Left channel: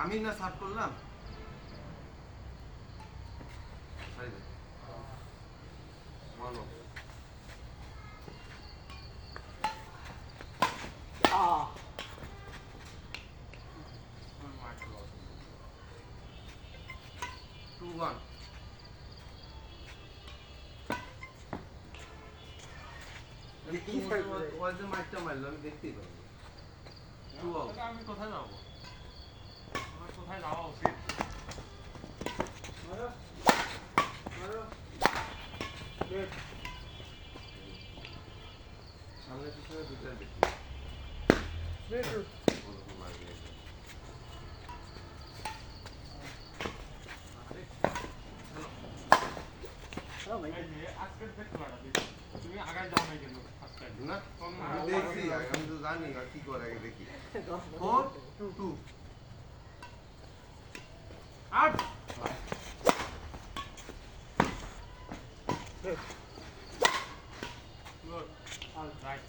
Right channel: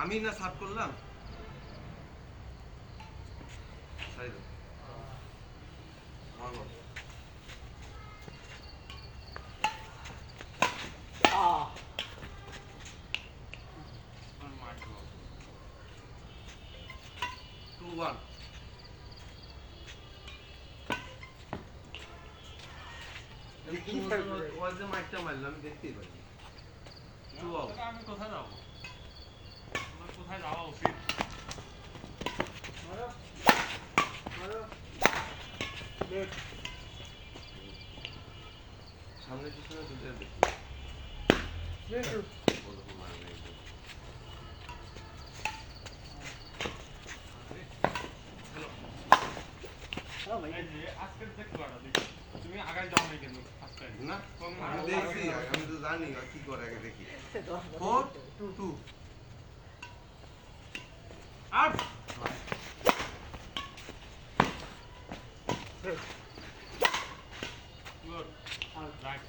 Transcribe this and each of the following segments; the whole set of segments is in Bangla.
আমি না সাফ করলাম মাইকটা মারলো আমি দেখতেই পারি আমি কোথায় যাবো কোথায় যাওয়া উচিত সামনে পিছনে দুটো দেখি আজকের যে খেলাটা দেখি তুমি আগায় যাও নাই কেন না আমি দেখছি আমি তো জানি কি করে আগে দেখি 4-2 আউট গুড রাইট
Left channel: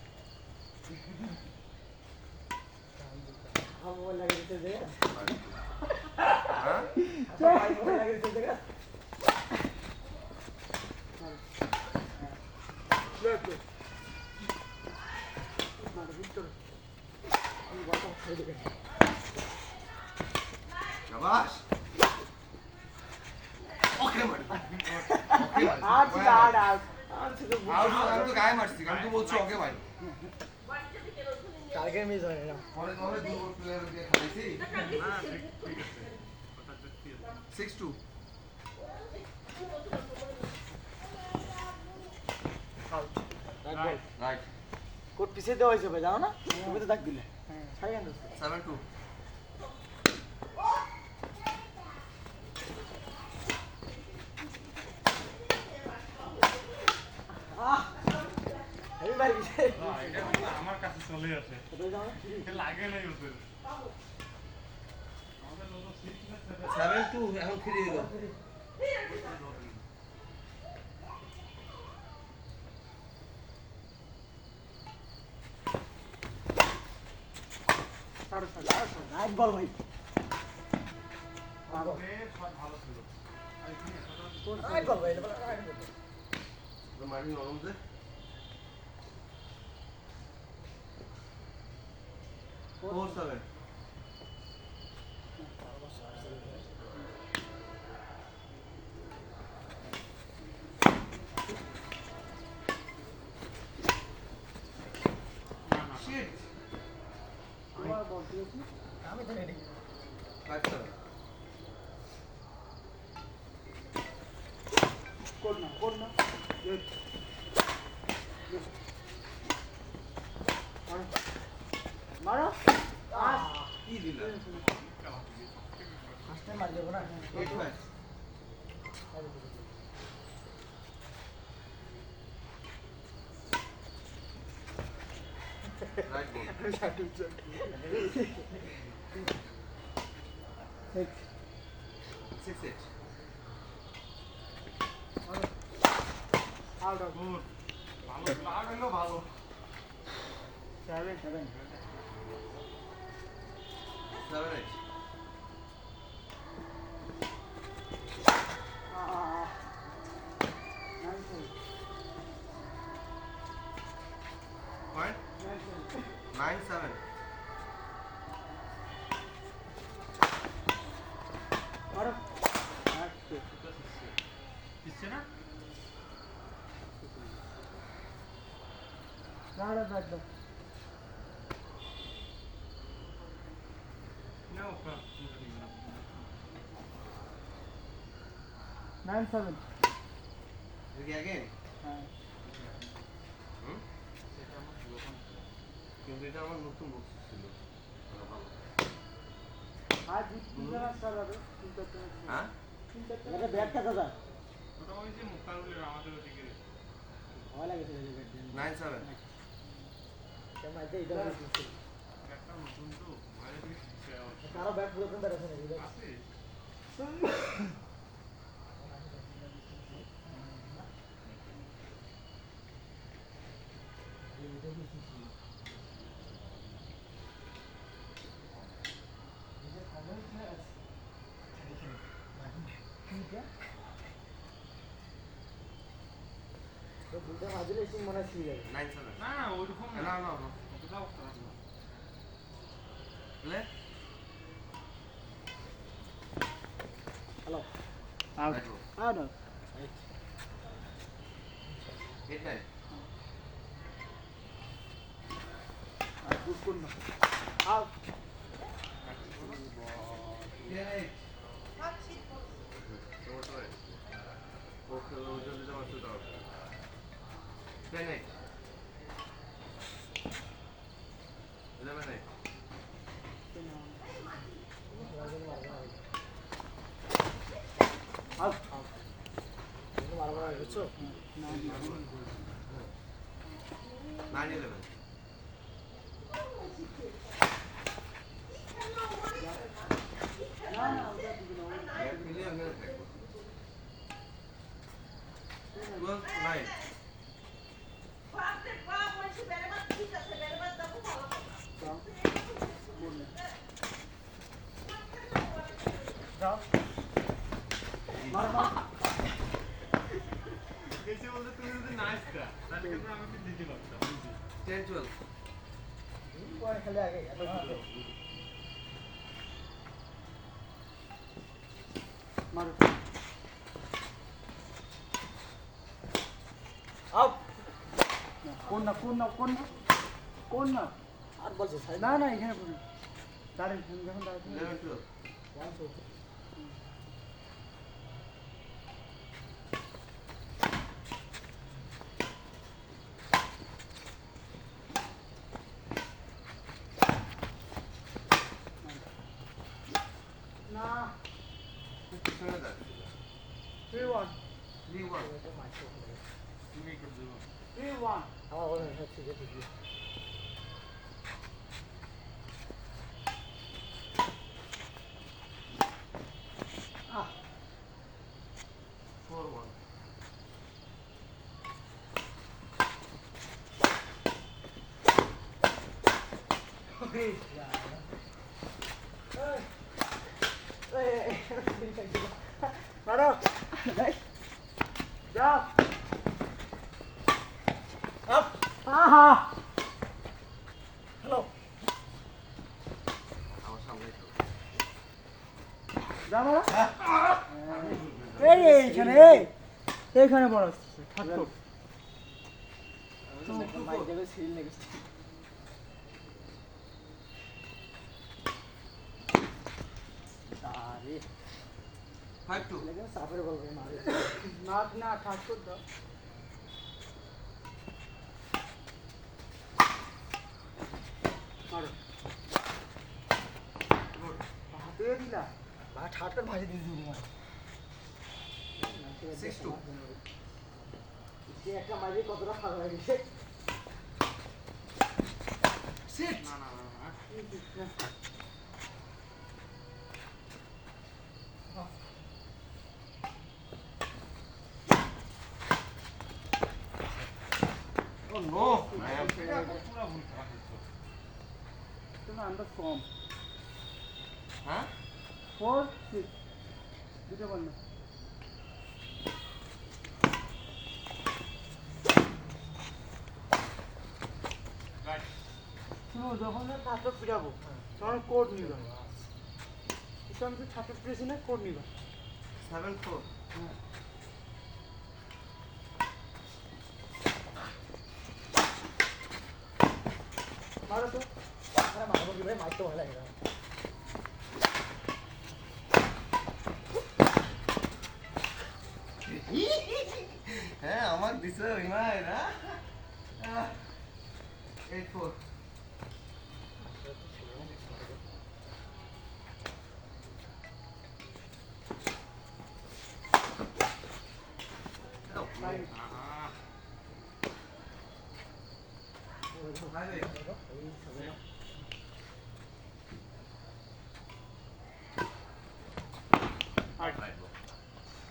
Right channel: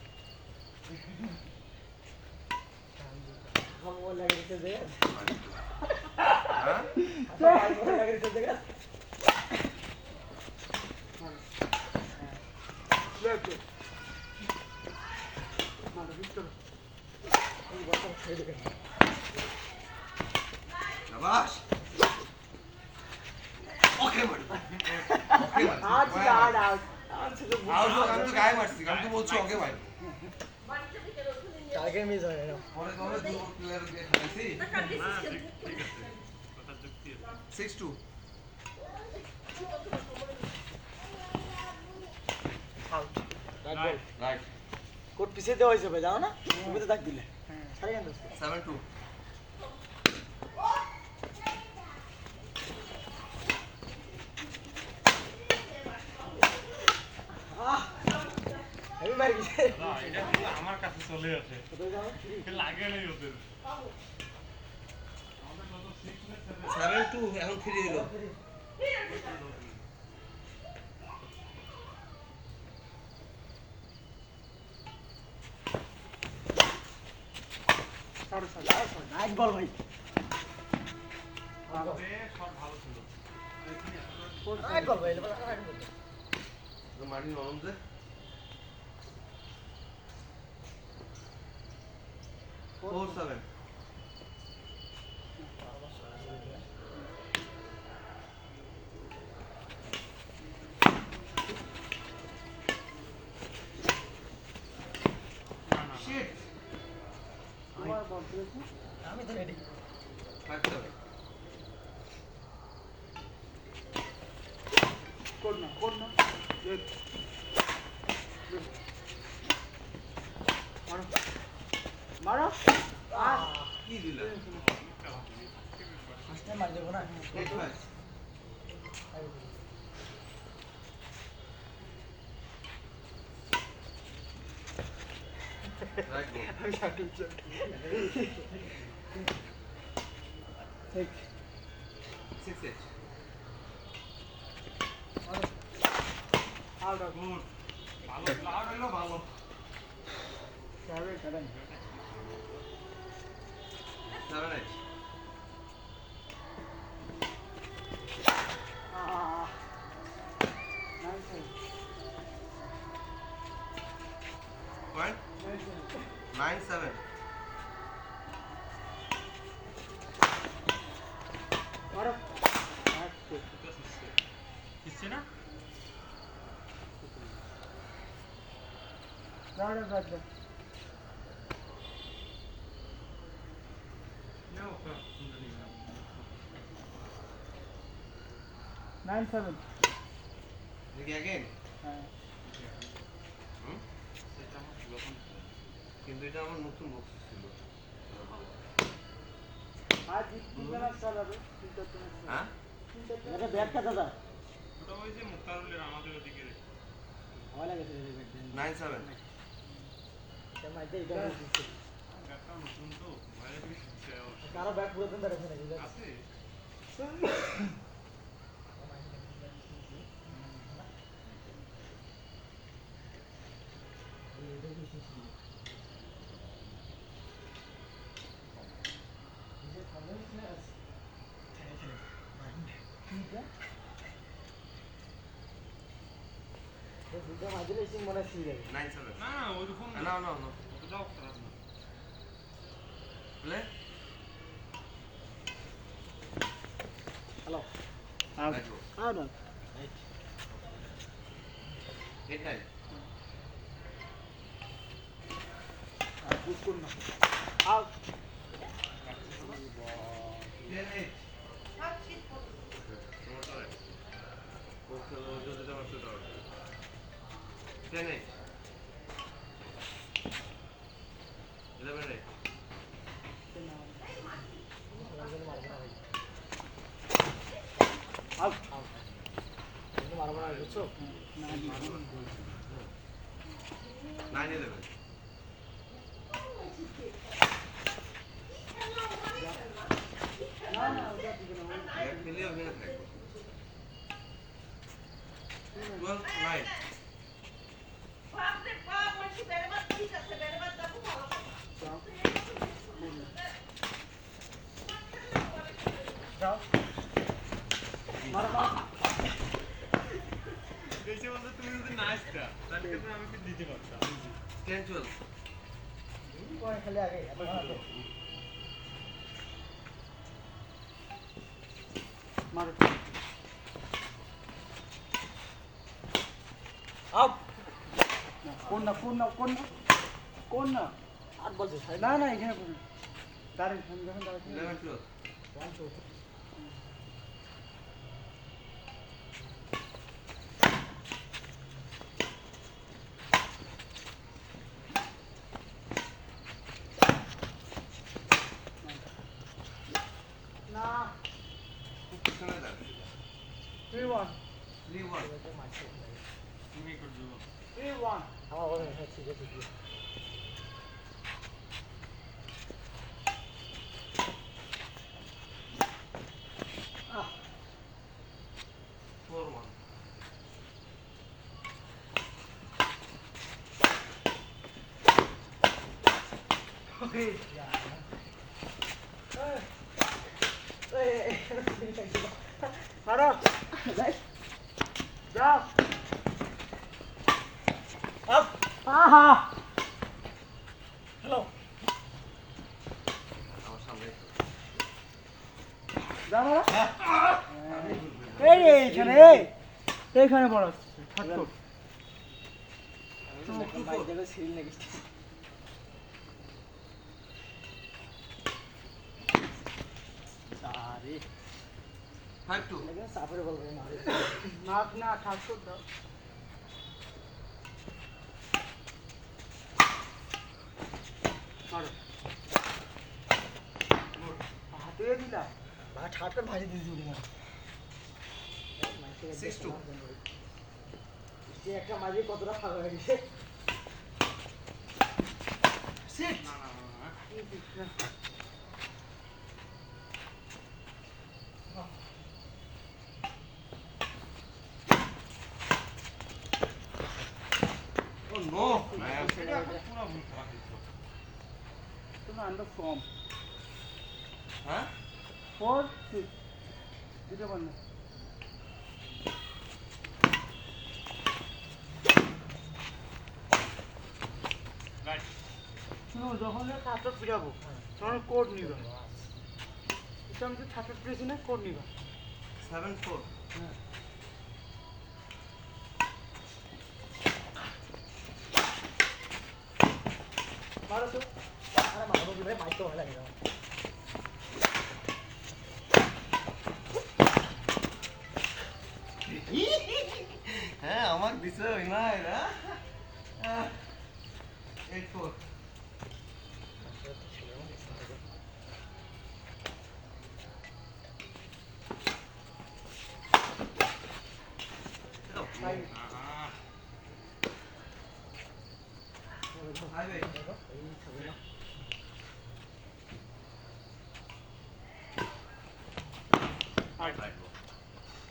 हम वो लग रहे थे हां वो लग रहे थे जगह लेफ्ट मारो विक्टर ये बहुत अच्छा है शाबाश ओके मार ओके मार आउट आउट আমি তো গায়ে মারছি আমি তো বলছি ওকে ভাই কালকে মিস হয়ে গেল পরে পরে দুটো প্লেয়ার দিয়ে খেলেছি না ঠিক আছে কথা যুক্তি আছে 6-2 আউট রাইট রাইট কোট পিছে দেওয়া হয়েছে ভাই যাও না তুমি তো দাগ দিলে সারি আন 7-2 হেভি মার গেছে এটা কিন্তু আমার কাছে চলে আসে লাগে নাই ওদের আমাদের কত 6 7-2 না 7 এখন 3 হলো নাইট বল ভাই আমাদের শট ভালো ছিল নাইট বল ভাই নাইট বল তো মারি নরম দে Four seven. Shit. তোমার বল দিয়েছি আমি তো রেডি 5-7. কোড না মারো কি দিলা ফার্স্ট টাইম মার দেবো না 8-5. Right ball. 6-8. Out of good ভালো লাউড হলো ভালো 7 7-8. Point? 9-7. মারো কিসছে না দাঁড়া ব্যাট দাও নাও 9-7 Again? হ্যাঁ সেটা আমার পুরোখন কিন্তু এটা আমার নতুন বক্স ছিল ভালো আজ তিনটা ম্যাচ চালাবে তিনটা ম্যাচ হ্যাঁ এটা ব্যাটটা দাদা ওটা ওই যে মুক্তারুলের আমাদের ওদিকে ভয় লাগে ছেলে ব্যাট দেন 9-7. এটা মাইতে এটা দিচ্ছে ব্যাটটা নতুন তো ভয় লাগে কারো ব্যাট পুরো দিন ব্যাট আছে নাকি আছে দুটো মাঝে সিং মনে ছিল যাবে 9-7 না না ওইরকম না না না না অতটাও খারাপ না play hello Right bro. Out 8-9 আর গুড কোন না আউট 10-8 তোমার তো ও খেলো ওই যদি তোমার শুট আউট 10-8 11-8 আউট আউট তুমি মারবো না বুঝছো না 9-11 না না ওটা দিবে না এক খেলে ওখানে থাকবো 12-9 যাও মারো মারো বেশি বলতে তুমি যদি না আসতা তাহলে কিন্তু আমি তো দিতে পারতাম 10-12 পরে খেলে আগে এত ভালো মারো আউট কোন না কোন না কোন না কোন না আর বলছে না না এখানে কোন দাঁড়ান যখন দাঁড়ান 11-12 না পিছনে যান 3-1 3-1 তুমি করে দেবো 3-1 আমার বলে হচ্ছে যে কি আহ 4-1 ওকে মারো যাও আপ আহা হ্যালো আমার সামনে তো যা মারো এইখানে এইখানে বড় ঠাকুর তুমি বাইক দেখো সিল নাকি আরে 5-2 लेकिन साफर बोल रहे मारे नाक ना ठाकुर दो मारो গুড हाथे दिला बा ठाकुर भाजी दी दूरी मारो 6-2 इसके একটা মাঝে কতটা খারাপ হয়ে গেছে সিট না না না ও নো ম্যাম সেটা পুরো ভুল করা হয়েছে তুমি আন্দাজ কম হ্যাঁ 4-6 দিতে পার না রাইট তুমি যখন কাজ শিখাবো তখন কোড নিবা এটা আমি ছাত্র পেয়েছি না কোড নিবা 7-4 হ্যাঁ মারো তো আরে মারবো কি ভাই মাইক তো ভালো লাগে না হ্যাঁ আমার দিছে না এরা 8-4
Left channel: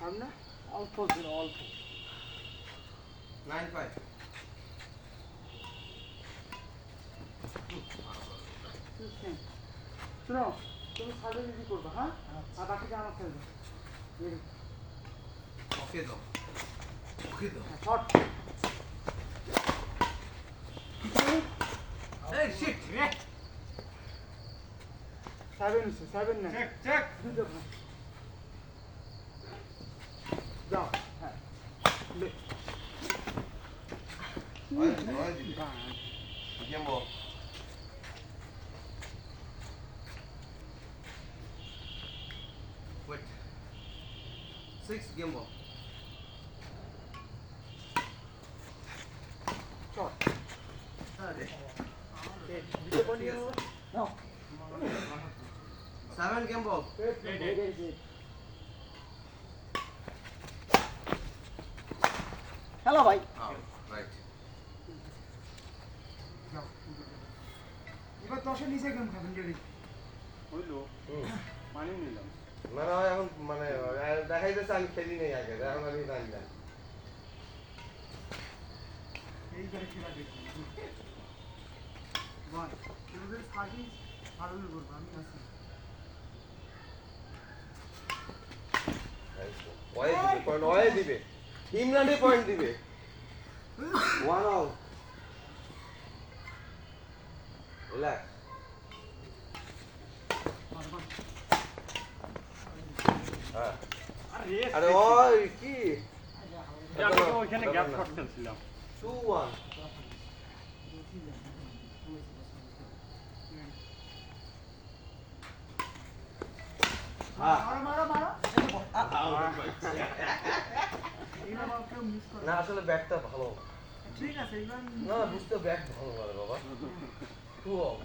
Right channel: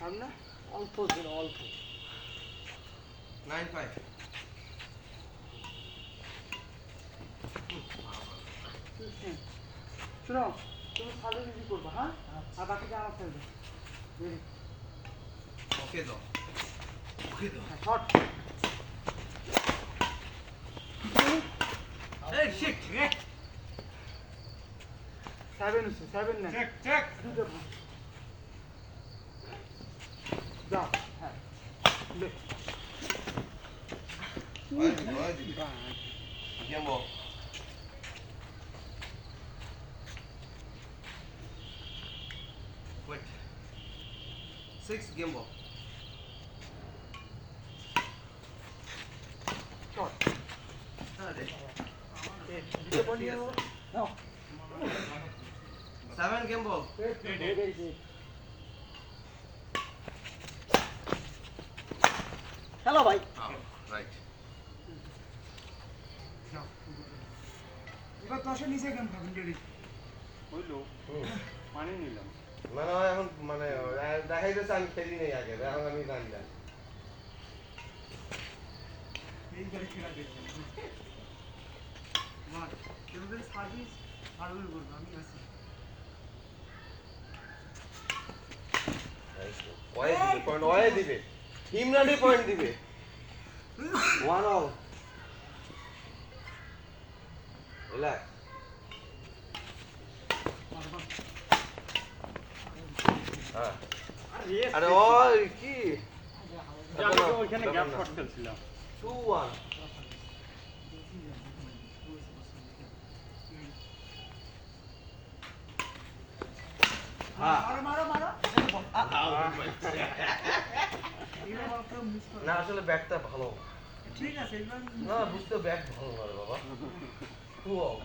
আর না অল্প দিন অল্প 9-5 শোনো তুমি সার্ভিস রেডি করবা, হ্যাঁ? আর বাকিটা আমার ছেড়ে দাও। রেডি ওকে দাও, ওকে দাও। শর্ট এই শিট রে। 7 আছে 7 না চেক চেক দুটো ভাই যাও হ্যাঁ লে ওই দিবি। গেম বল। Wait. 6 game ball. Short Sorry. দুটো বল নিয়ে নাও 7 game ball. হ্যালো ভাই Oh, right. যাও এবার 10 এর নিচে গেম খাবেন রেডি হইলো পানি নিলাম মানে এখন মানে দেখাইতেছে আমি খেলি নেই আগে, এখন আমি জানি না। এইবারে খেলা দেখছেন বল এবারে সার্ভিস আরোই করব আমি আছি ওয়ে দিবে পয়েন্ট, ওয়ে দিবে ইমরানই পয়েন্ট দিবে। 1-all. রিল্যাক্স। হ্যাঁ আরে ওই কি আমি তো ওইখানে গ্যাপ শট ফেলছিলাম 2-1. মারো মারো মারো এইগুলো বল কেউ মিস করে না আসলে ব্যাটটা ভালো ঠিক আছে এবার না, বুঝতে ব্যাট ভালো না রে বাবা। 2-all.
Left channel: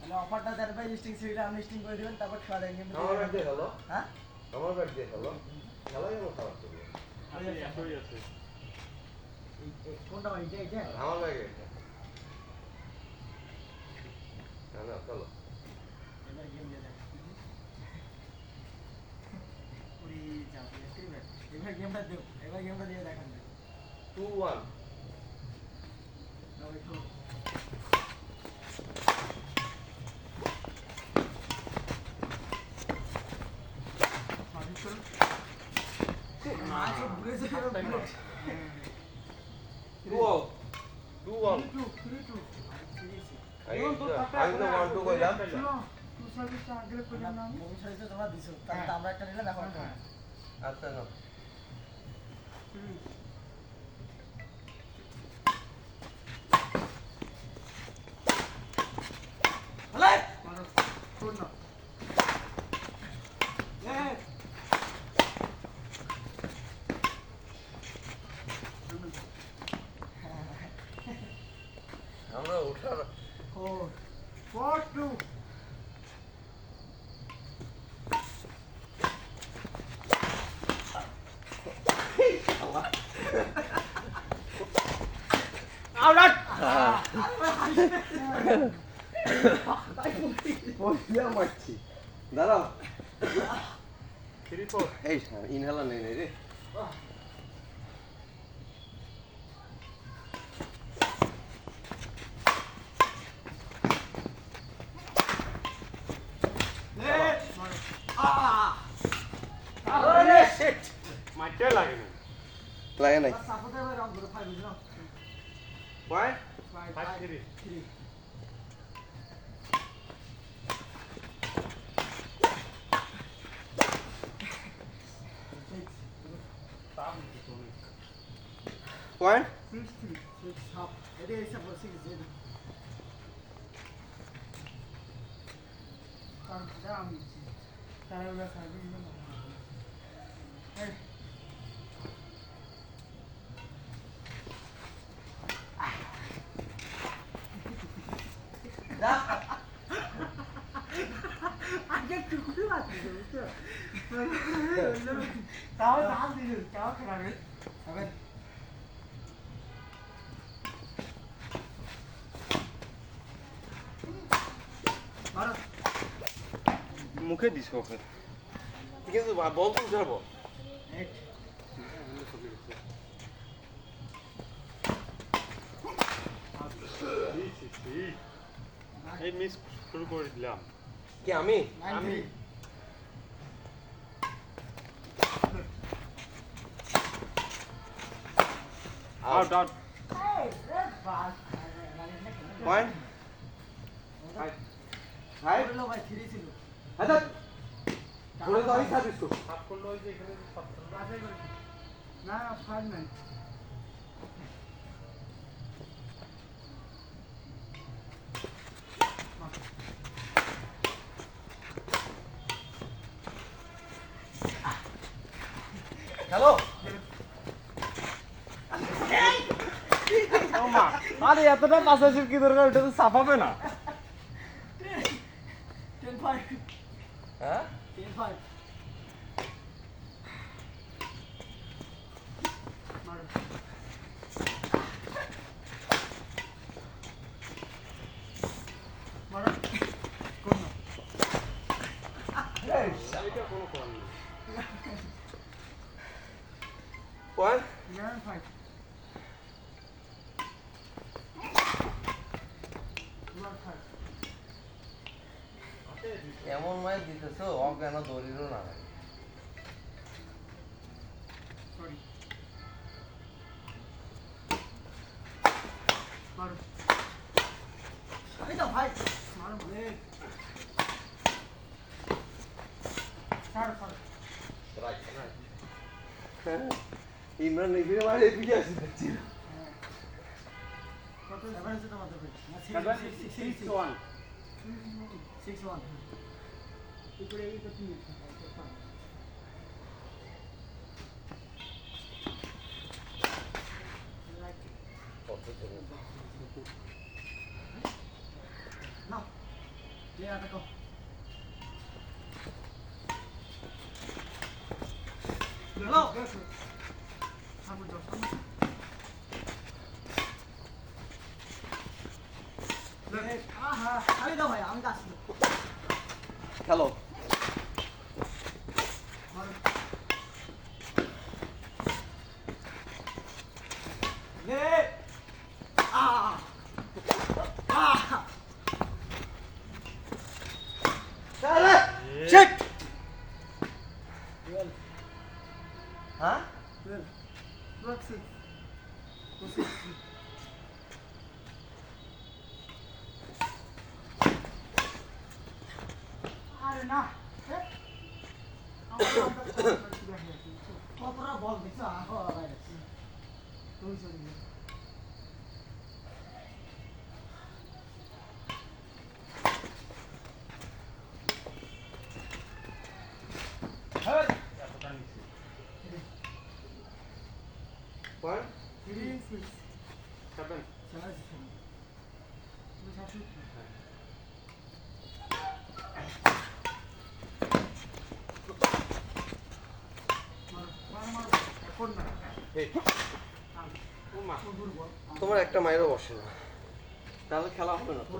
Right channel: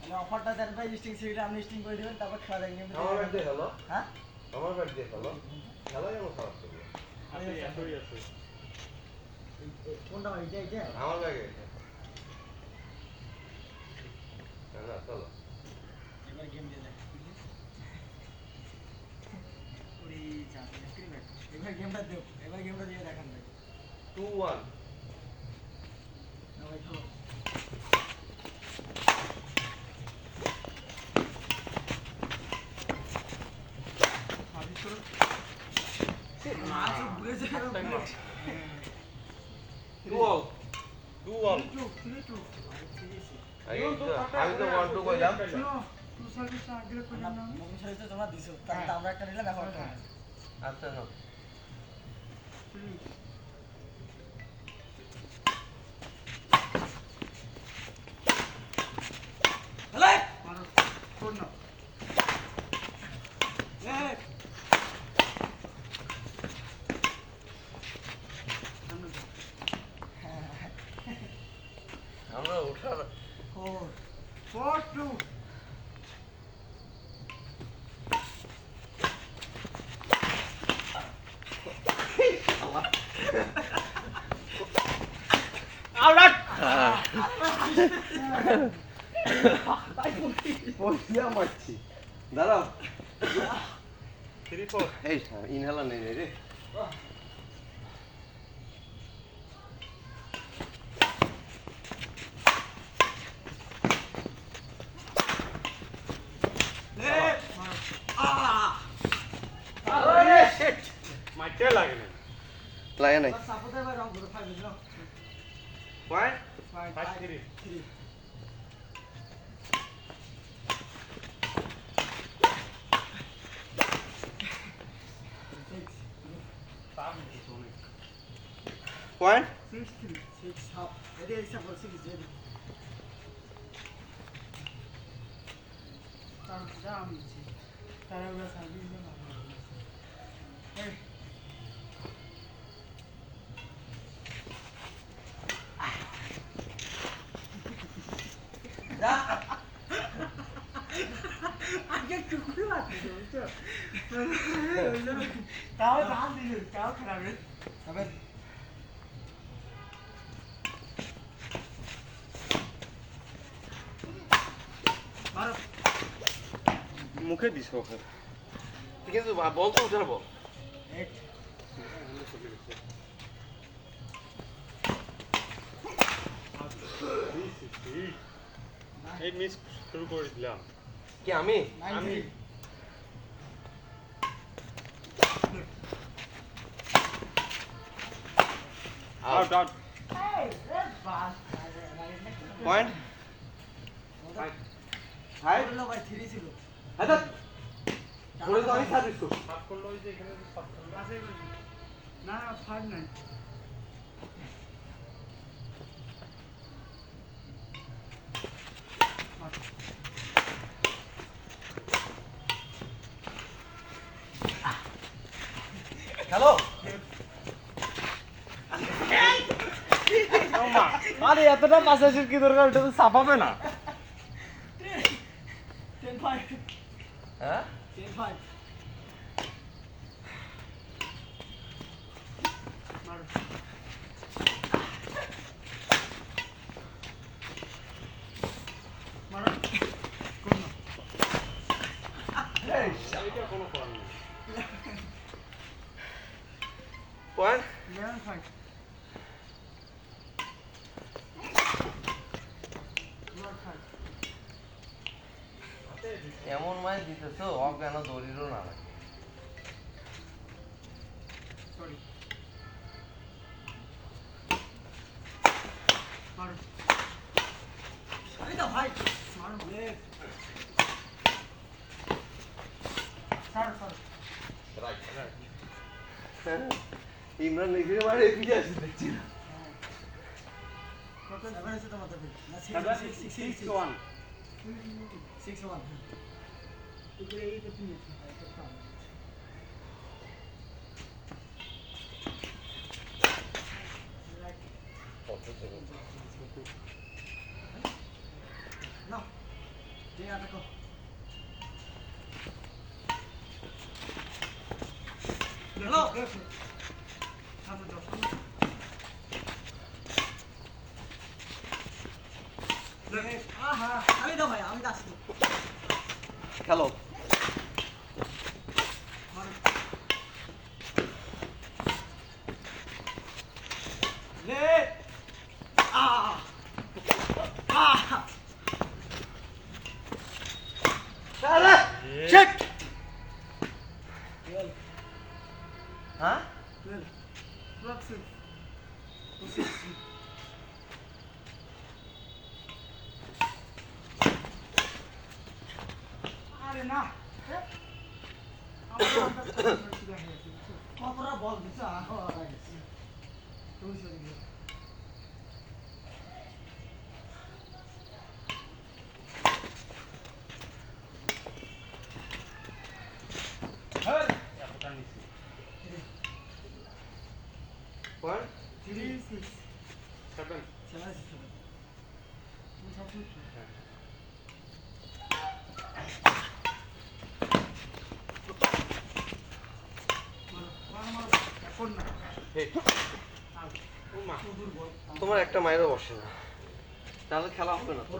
মানে অফারটা দেন ভাই স্টিং সিভিলে আপনি স্টিং করে দিবেন তারপর খেলা দেখবেন আমার ব্যাট দিয়ে খেলো, হ্যাঁ আমার ব্যাট দিয়ে খেলো, খেলা কেন খারাপ করবে? এতই আছে কোনটা ভাই এটা আমার ব্যাগে না চলো। এবার গেম দিয়ে দেখ ওরে যাবে স্ক্রিপ্ট এবার গেমটা দেব এবার গেমটা দিয়ে দেখান ভাই 2-1. না ভাই খেলো সার্ভিস করো মাছ ঘুরে যাবে বুলেট 2-all. 2-all. 3-2 আমি তো 1-2 কইলাম। শুনো টু সার্ভিসটা আগে কইলাম না আমি মুভি সাইজে তোমরা দিছো তাহলে আমরা একটা নিলাম এখন একটা নিলাম। আচ্ছা না 3 হ্যালো মারো শোন না এই সামনে যাও আমরা ওঠার 4-2 পয়সা মারছি। দাঁড়াও 3-4 এই ইনহেলার নেই রে। আরে শিট মাইটে লাগে না লাগে নাই সাপোর্টার ভাই রং করে 5 বুঝলো পয়েন্ট 5-3 3 পয়েন্ট 6-3 হাফ এটা হিসাব করে 6 দিয়ে দিই তারপরে আমি তারপরে সার্ভিস না এই যা আগে টুকরো আছে তো তাও জান দিল তাও খারাপ রে তবে মারো মুখে দিছ কিন্তু বল তো উঠাবো। 8 এই মিস শুরু করে দিলাম। কি আমি? 9-3 out out. Point five. Five বললো ভাই 3 ছিল হাজার বলে তো আমি সার্ভিস করছি। সাত করলো ওই যে এখানে যে সাত করলো। বাছাই করেছি না 5-9 হ্যালো আরে এতটা পাশাপাশির কি দরকার, এটা তো সাফাবে না। 10-5 হ্যাঁ 10-5 মারো মারো কোন না এইটা কোনো করার নেই। পয়েন্ট 11-5 12-5 এমন মাছ দিতেছ অজ্ঞান দড়িরও না সরি মারো আমি তো ভাই মারো লেগ ছাড়ো ছাড়ো রাইট ইমরান নেগিরে মারে এগিয়ে আসছে দেখছি না। কত 7 হচ্ছে তোমাদের ভাই না 6-1 6-1 উপরে এই তো তিন আছে না দিয়ে আটাকো হ্যালো সামনে যাও সামনে আহা আমি দাও ভাই আমি আসছি হ্যালো মারো লে আহ আহ শিট হ্যাঁ 12 আরে না আমার কতটা বল দিছ আহ ভাই তুই চলে গিয়ে এতটা নিচ্ছি। পয়েন্ট 3-6 7 চলে তুমি সবসময় হ্যাঁ। মারো মারো মারো এখন না ও মা। দুর্বল তোমার একটা মায়েরও বসে না, তাহলে খেলা হবে না তো।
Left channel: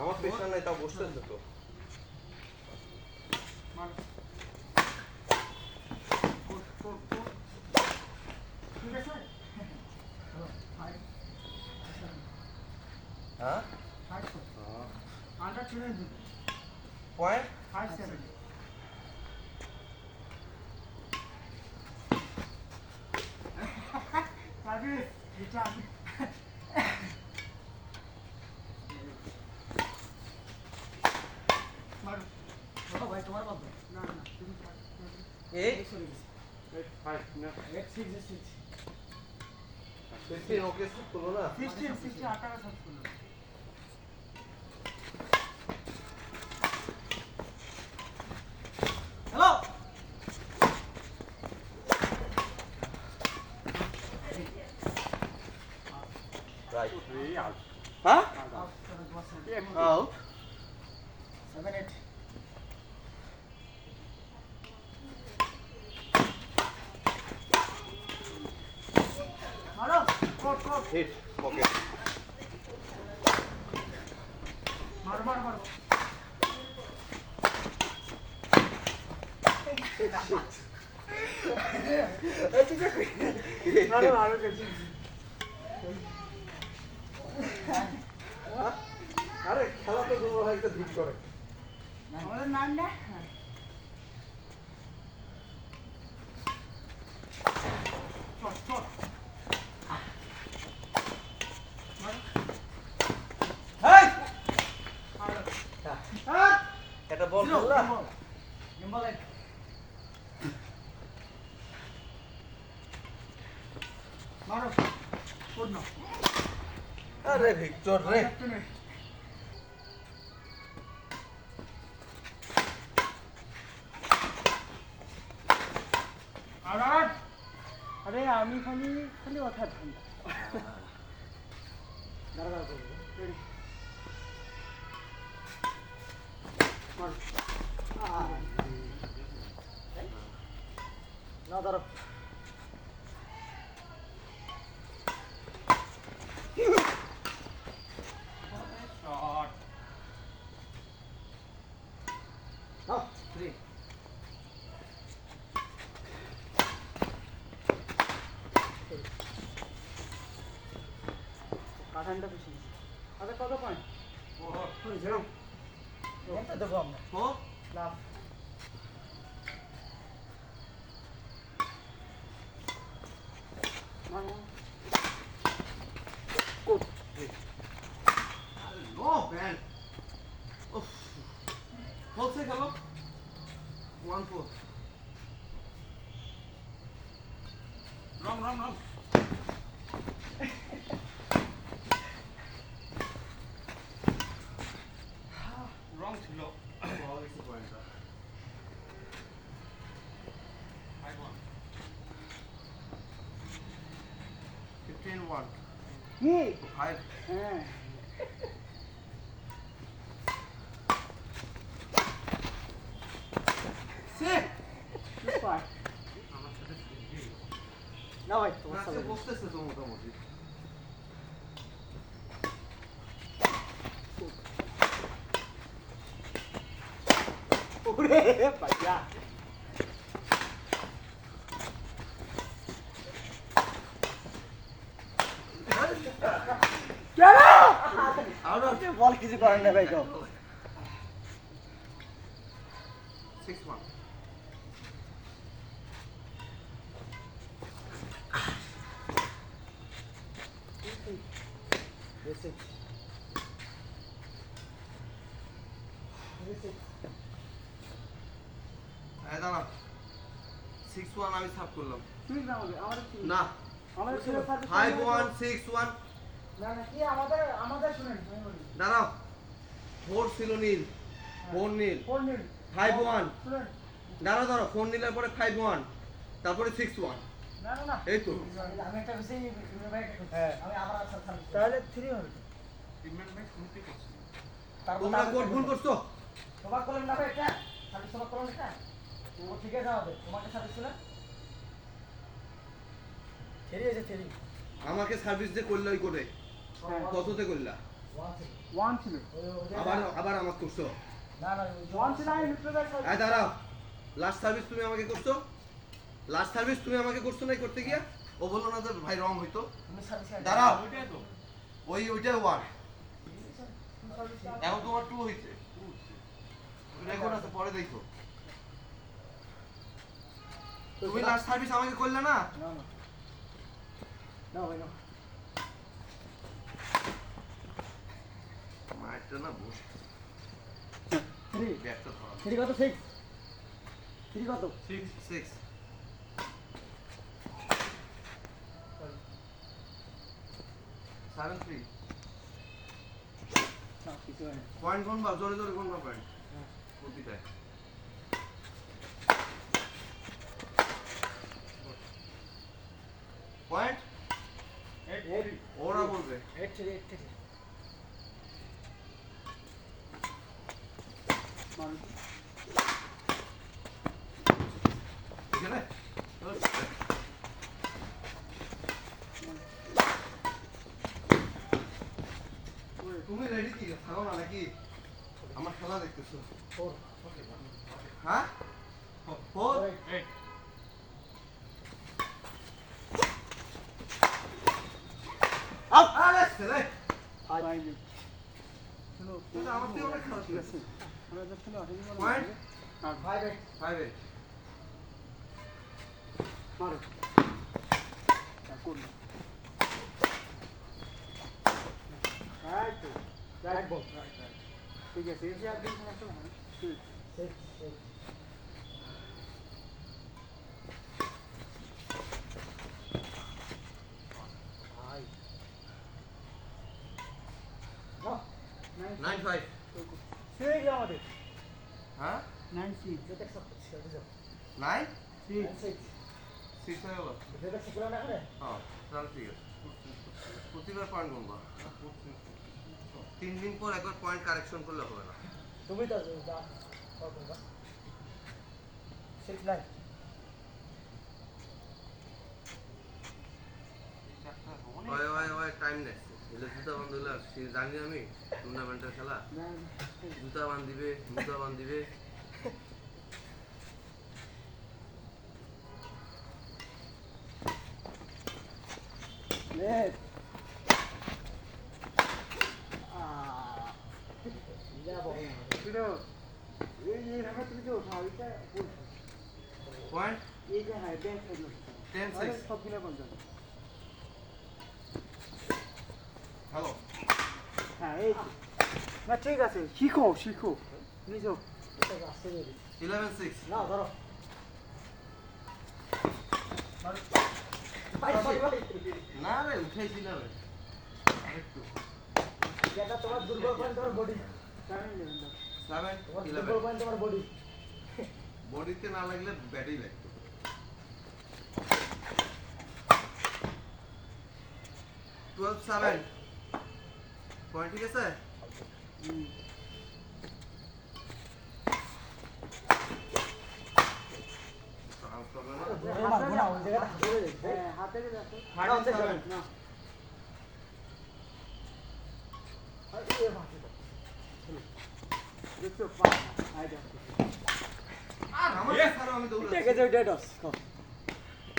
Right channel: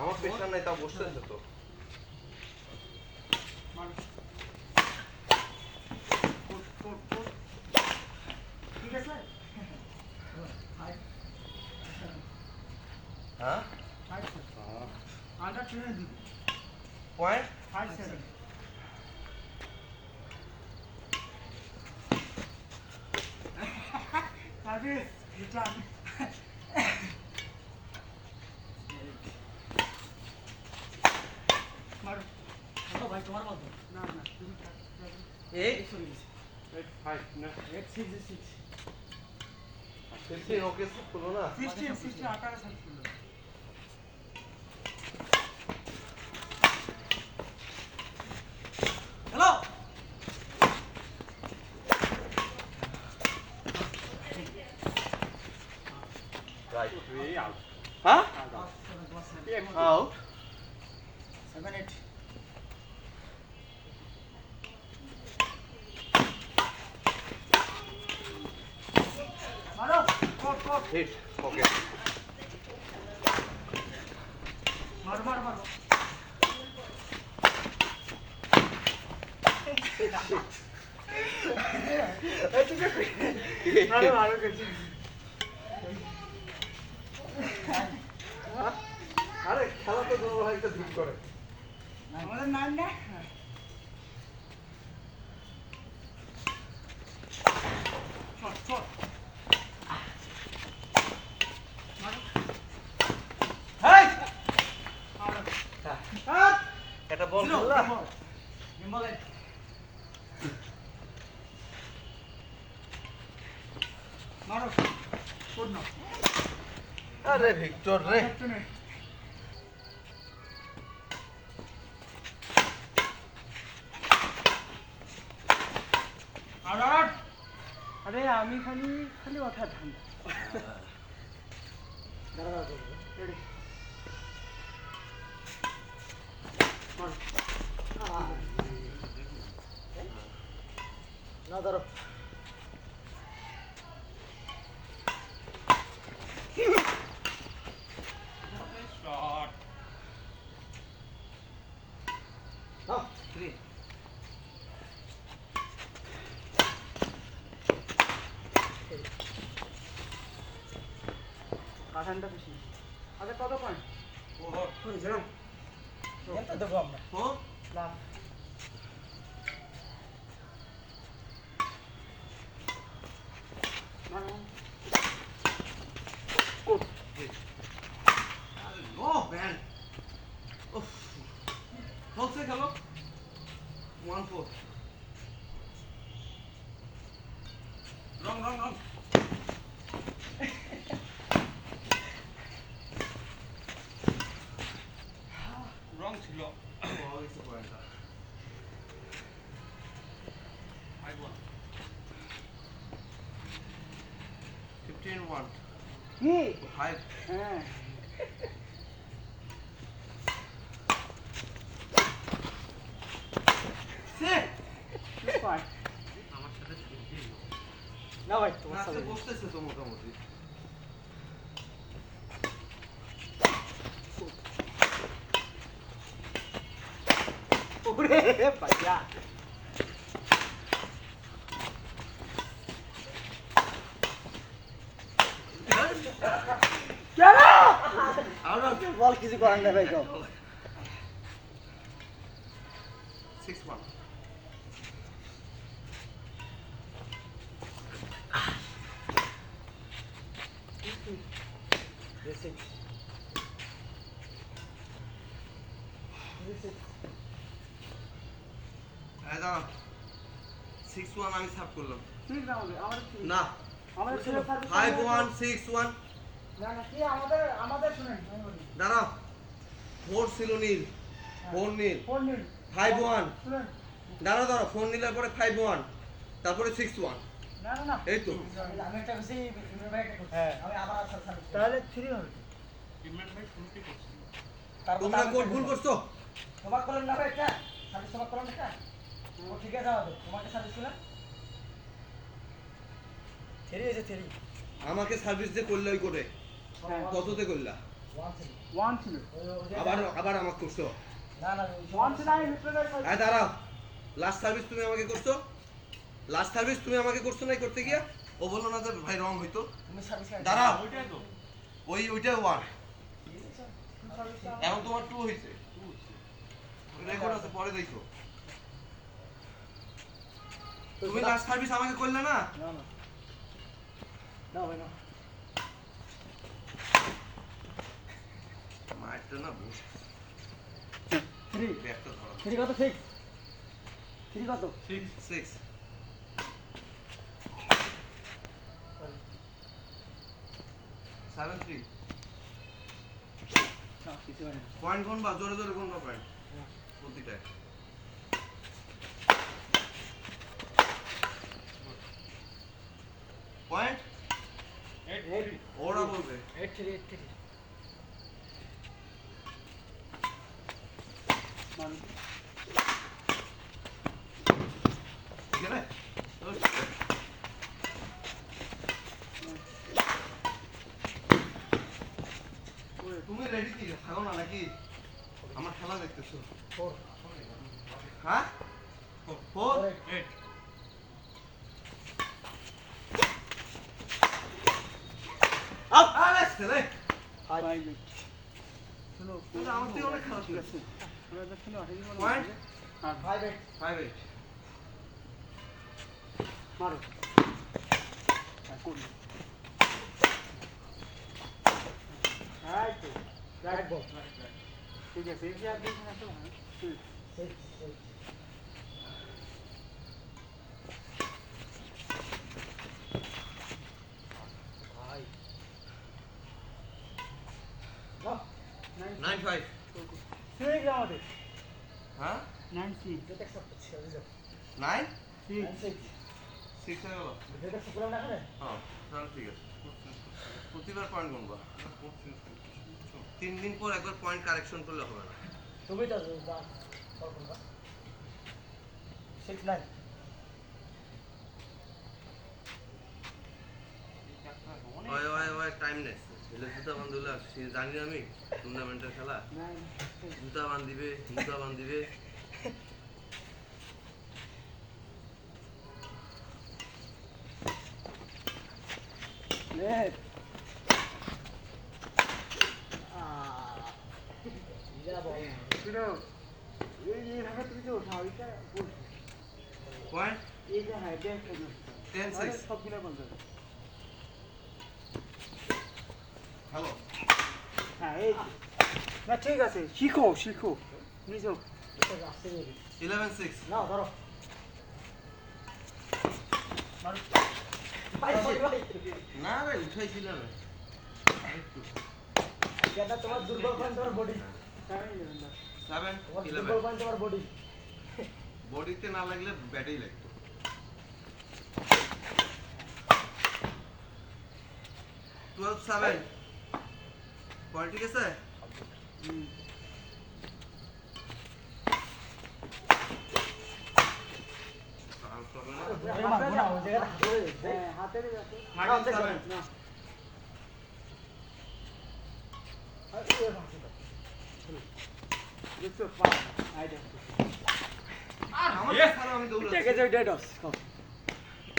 আমার প্রেশার নাই, তা বসতেন তো। মারো কোট কোট কোট ঠিক আছে ভাই হ্যাঁ 5 আন্ডার 2 দিবি পয়েন্ট 5-7 সার্ভিস রিটার্ন মারো চলো ভাই তোমার বল না না তুমি এইট চলে গেছে 8-5 না 8-6 15 ওকে সাপ করলো না। 16 18 সার্চ করলো হ্যালো রাইট 3 আউট। হ্যাঁ 7 আউট 8 মারো কোট কোট হিট ওকে মারো মারো মারো মারো মারো গেছি আরে খেলা তো দুর্বল হয় একটা ধুপ করে আমাদের নাম না শট শট হেই হ্যাঁ এটা বল জিরো খেললা? গেম বলেন মারো কোড না আরে ভিক্টর রে আরে আমি খালি খালি কথা ঠান্ডা দাঁড়া রেডি না ধরো শট থ্রি কাঠানটা বেশি আচ্ছা কত পয়েন্ট ফোর গেমটা দেবো আমরা ফোর লাভ কোড নো ম্যান উফ বলছে খেলো 1-4 রং রং রং রং ছিল পাওয়া গেছে পয়েন্টটা 5-1 15-1 কি 5 হ্যাঁ আমার সাথে খেলতে না ভাই তোমার আজকে সাথে বসতেছে তো মোটামুটি ওরে বাজা কেন বল কিছু করেন না ভাই তো 6-1 এই দাঁড়া 6-1 আমি সাব করলাম ঠিক না আমাদের না আমাদের ছেলে সার্ভিস 5-1 6-1 না না কি আমাদের শুনেন আমি বলি দাঁড়াও 4 ছিল নীল 4 নীল 4 নিন 5-1 শুনেন দাঁড়াও 4 নীলের পরে 5-1 তারপরে 6-1 না না না এই তো আমি একটা বেশি হ্যাঁ আমি আবার আসার সামনে তাহলে 3 হবে টিমমেট ভাই শুনতে করছি তোমরা কোড ভুল করছো তোমার কলম না ভাই এটা সার্ভিস তোমার কলম এটা ও ঠিক আছে আমাদের তোমাকে সার্ভিস ছিল থেরি আছে থেরি আমাকে সার্ভিস যে করলে ওই কোডে হ্যাঁ কততে করলা 1 ছিল আবার আমাকে করছো না না 1 ছিল আমি রিপ্লেস এই দাঁড়াও লাস্ট সার্ভিস তুমি আমাকে করছো লাস্ট সার্ভিস তুমি আমাকে করছো নাই করতে গিয়া ও বললো না যে ভাই রং হইতো তুমি সার্ভিস দাঁড়াও ওইটাই তো ওইটা 1 এখন তোমার 2 হইছে রেকর্ড আছে পরে দেখো তুমি লাস্ট সার্ভিস আমাকে করলে না না না না ভাই না মারটা না বস 3 ব্যাগটা ধরো 3 কত 6 3 কত 6 7-3 না কিছু হয় না পয়েন্ট গুনবা জোরে জোরে গুনবা পয়েন্ট প্রতিটায় পয়েন্ট 8-3 ওরা বলবে 8-3 মানুষ এখানে তুমি রেডি কি থাকো না নাকি আমার খেলা দেখতেছো 4 হ্যাঁ 4 8 আরে ছেলে 5 কিন্তু আমার থেকে অনেক খারাপ খেলেছে। শুনো পয়েন্ট আর 5-8 5-8 মারো করুন রাইট তো রাইট বল ঠিক আছে এই যে আপনি আসলে হুম সেট সেট ভাই না 9-5 সেই গেল আমাদের হ্যাঁ 9 যেটা সব ছিল বুঝো 9 6 6 হয়ে গেল যেটা সব না করে হ্যাঁ তাহলে ঠিক আছে প্রতিবার পয়েন্ট গুনবা 3 দিন পর একবার পয়েন্ট কারেকশন করলে হবে না তুমি তো দাও কল করবা 6-9 ওই ওই ওই টাইম নেক্সট এলে জুতা বান্ধলে জানি আমি টুর্নামেন্টের খেলা জুতা বান্ধিবে মুজা বান্ধিবে লেট যা বল না শুনো এইভাবে তুমি যে ওঠাও এটা বলছি পয়েন্ট এই যে হ্যাঁ ড্যান্স করলো 10-6 সবগুলো বলতে হ্যালো হ্যাঁ এই না ঠিক আছে শিখো শিখো নিজেও এটা আসছে রে 11-6 নাও ধরো মারো ভাই ভাই ভাই না রে উঠাইছিলাম আরেকটু যেটা তোমার দুর্বল পয়েন্ট তোমার বডি 7 তোমার 11 দুর্বল পয়েন্ট তোমার বডি বডিতে না লাগলে ব্যাটেই লাগতো 12-7 পয়েন্ট ঠিক আছে চান্স হবে না হাতে যাও জায়গা ধরে হ্যাঁ হাতে যাচ্ছে 13-7 না আর এই ভাষা দেখছো পা আইডিয়া আর আমার ছাড়া আমি দৌড়াচ্ছি থেকে যাই ডেটস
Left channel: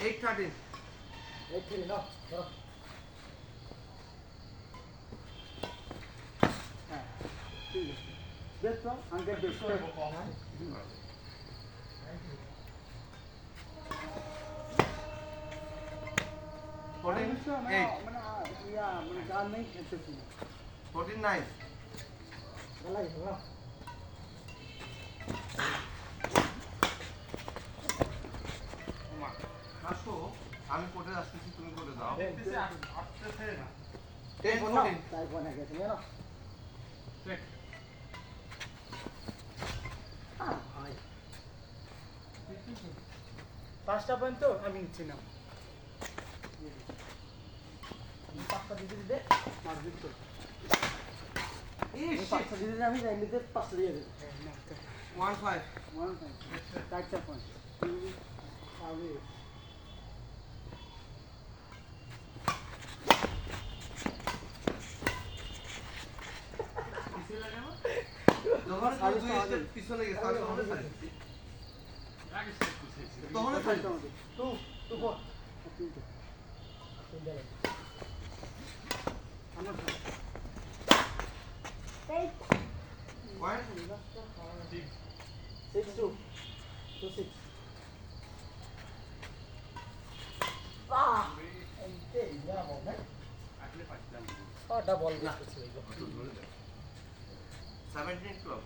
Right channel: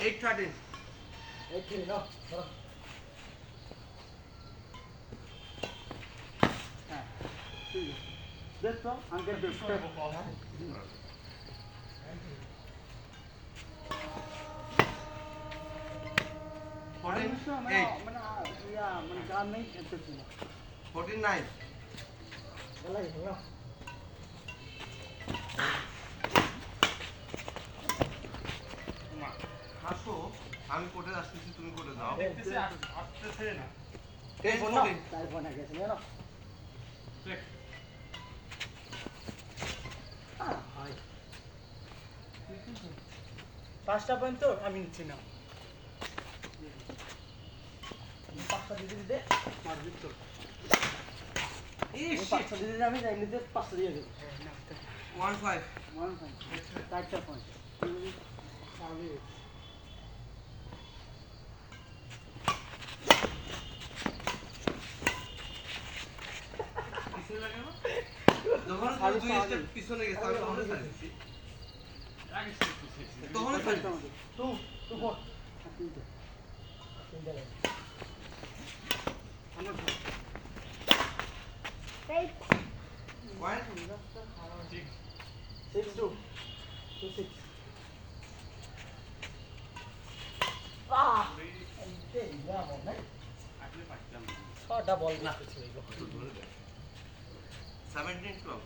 8-13 এই খেলি নাও ধরো হ্যাঁ ঠিক আছে দেখছো আঙ্কেল দেখছো 14-8 মানে ইয়া মানে গান নেই খেলতেছি না 14-9 ভালো লাগে নাও হাসো আমি কোর্টে আসতেছি তুমি কোর্টে যাও দেখতেছি আসতেছে না 10-14 তাই ফোন গেছে না দেখ ভাই পাঁচটা পয়েন্ট তো আমি নিচ্ছি না তুমি পাঁচটা দিতে দিতে মারবিট তো তুমি পাঁচটা দিতে দিতে আমি এমনিতে পাঁচটা দিয়ে দেবো না 1-5 ওয়ান পয়েন্ট চারটা পয়েন্ট তাহলে কিসে লাগে না যখন আমি দুই স্টেপ পিছনে গেছে আমি তখন ছাড়ছি আগে দেখতেছি তখন আমাদের ছাড়ছি টু টু ফোর তিনটা তিনটা লাগে পয়েন্ট 6-2 2-6 এই যা বল না আগে পাইতাম ছটা বল না ছিল এই তো ধরে দে 17-12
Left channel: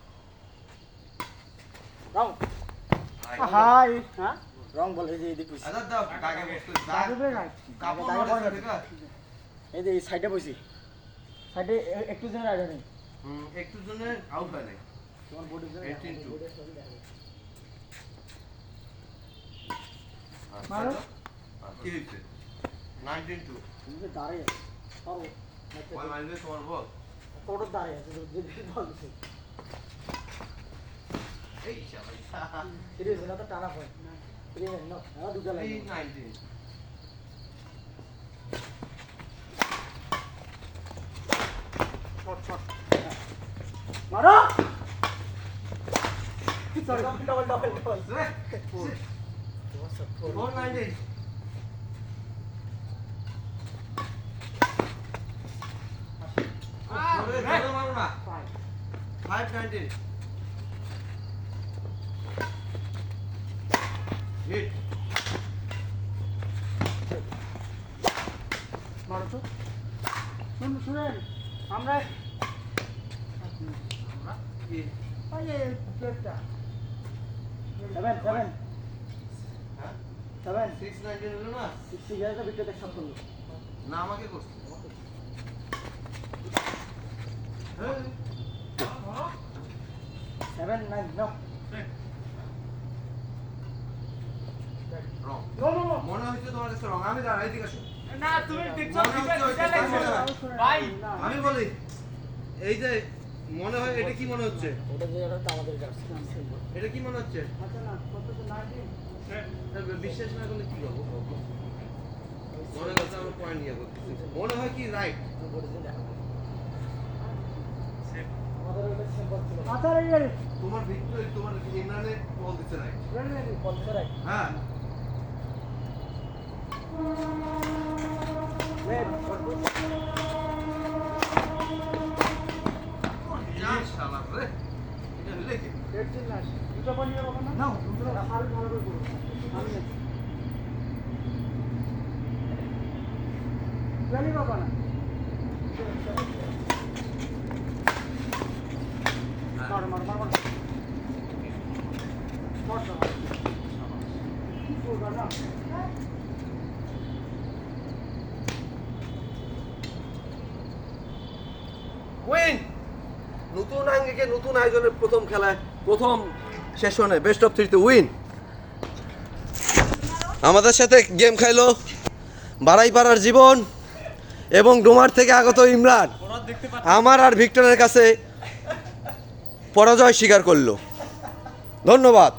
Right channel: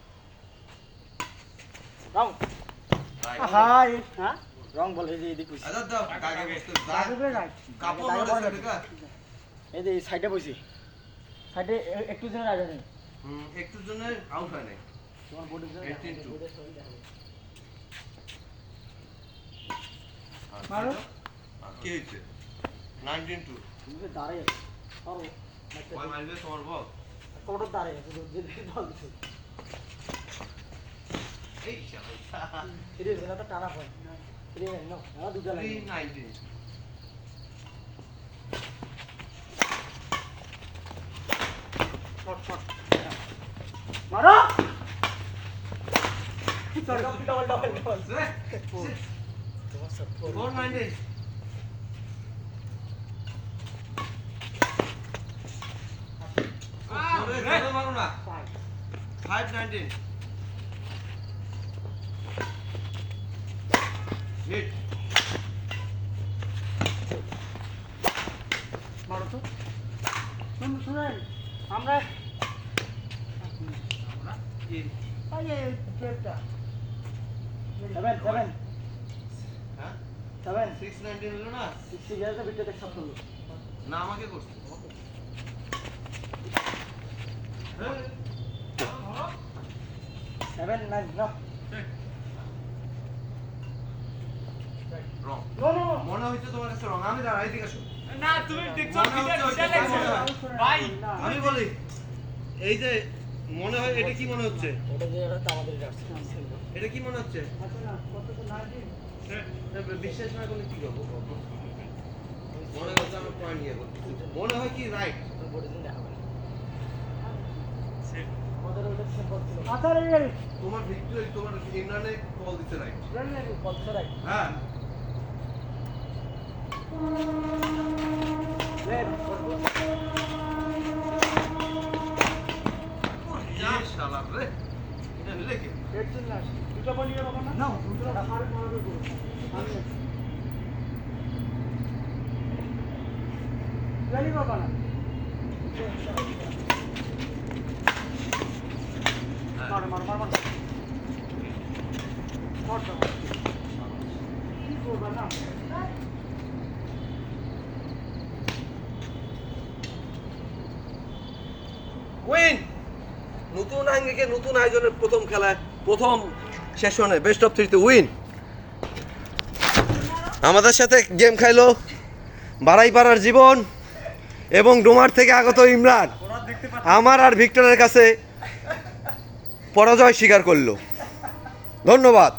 রং রাইট হাই হ্যাঁ রং বল এই যে এদিকে বুঝি আজাদ দাও দাগে বসতে দাদুবে রাইট কাপড় দাগে নড়ে পড়ে ঠিক আছে এই যে সাইডে বসি সাইডে একটু জনের আগে নেই একটু জন্য আউট হয় নাই তোমার বডির জন্য 18-2 বডির সঙ্গে দেখা যায় মারো। কি হইছে 19-2 তুমি যে দাঁড়ায় পারো ওই মারবে তোমার বল কোটোর দাঁড়ায় আছে যে বল দিছে এই শালা ফিরে না তো টানা পয়েন্ট ফিরে নাও না দুটো লাগে 3-19 মারো ডবল ডবল ডবল Four. তোমার সব ফোর 4-19 আহ ধরে মারো না ফাইভ 5-19 হিট মারো তো শুনেন আমরা কি ওই যে প্লেটটা 7 হ্যাঁ 7 6-19 হলো না 60 হাজার ভিতরে সব করলো না আমাকে করছে হ্যাঁ 7 9 no wrong no no no মনে হচ্ছে তোমার কাছে রং আমি দাঁড়াই দিকে আসো না তুমি দেখছো মনে হচ্ছে ভিডিও ওইটা দেখছো মনে হয়। ভাই আমি বলি এই যে মনে হয় এটা কি মনে হচ্ছে ওটা যে এটা আমাদের জার্সি এটা কি মনে হচ্ছে আচ্ছা না কত তো 19 বিশ্বাস না করলে কি করবো মনে করছে আমরা পয়েন্ট নিয়ে করতেছি মনে হয় কি রাইট বডি দিন দেখাবেন সেট আমাদের ওটা সিম্পল ছিল আচ্ছা রে রে তোমার ভিক্টোরি তোমার ইনারে কল দিতে রাইট কল ধরে রাখ হ্যাঁ রে যা শালার রে এটা হলে কি পেট চিল্লাস দুটো বনিয়ে বাবা না না দুটো আরো ভালো করে করো আমি না জানি বাবা না মারো মারো মারো মারো মারো কি করবা না উইন নতুন আঙ্গিকে নতুন আয়োজনের প্রথম খেলায় প্রথম সেশনে বেস্ট অফ 3 তে উইন আমাদের সাথে গেম খাইলো বাড়াইপাড়ার জীবন এবং ডোমার থেকে আগত ইমরান আমার আর ভিক্টরের কাছে পরাজয় স্বীকার করলো ধন্যবাদ।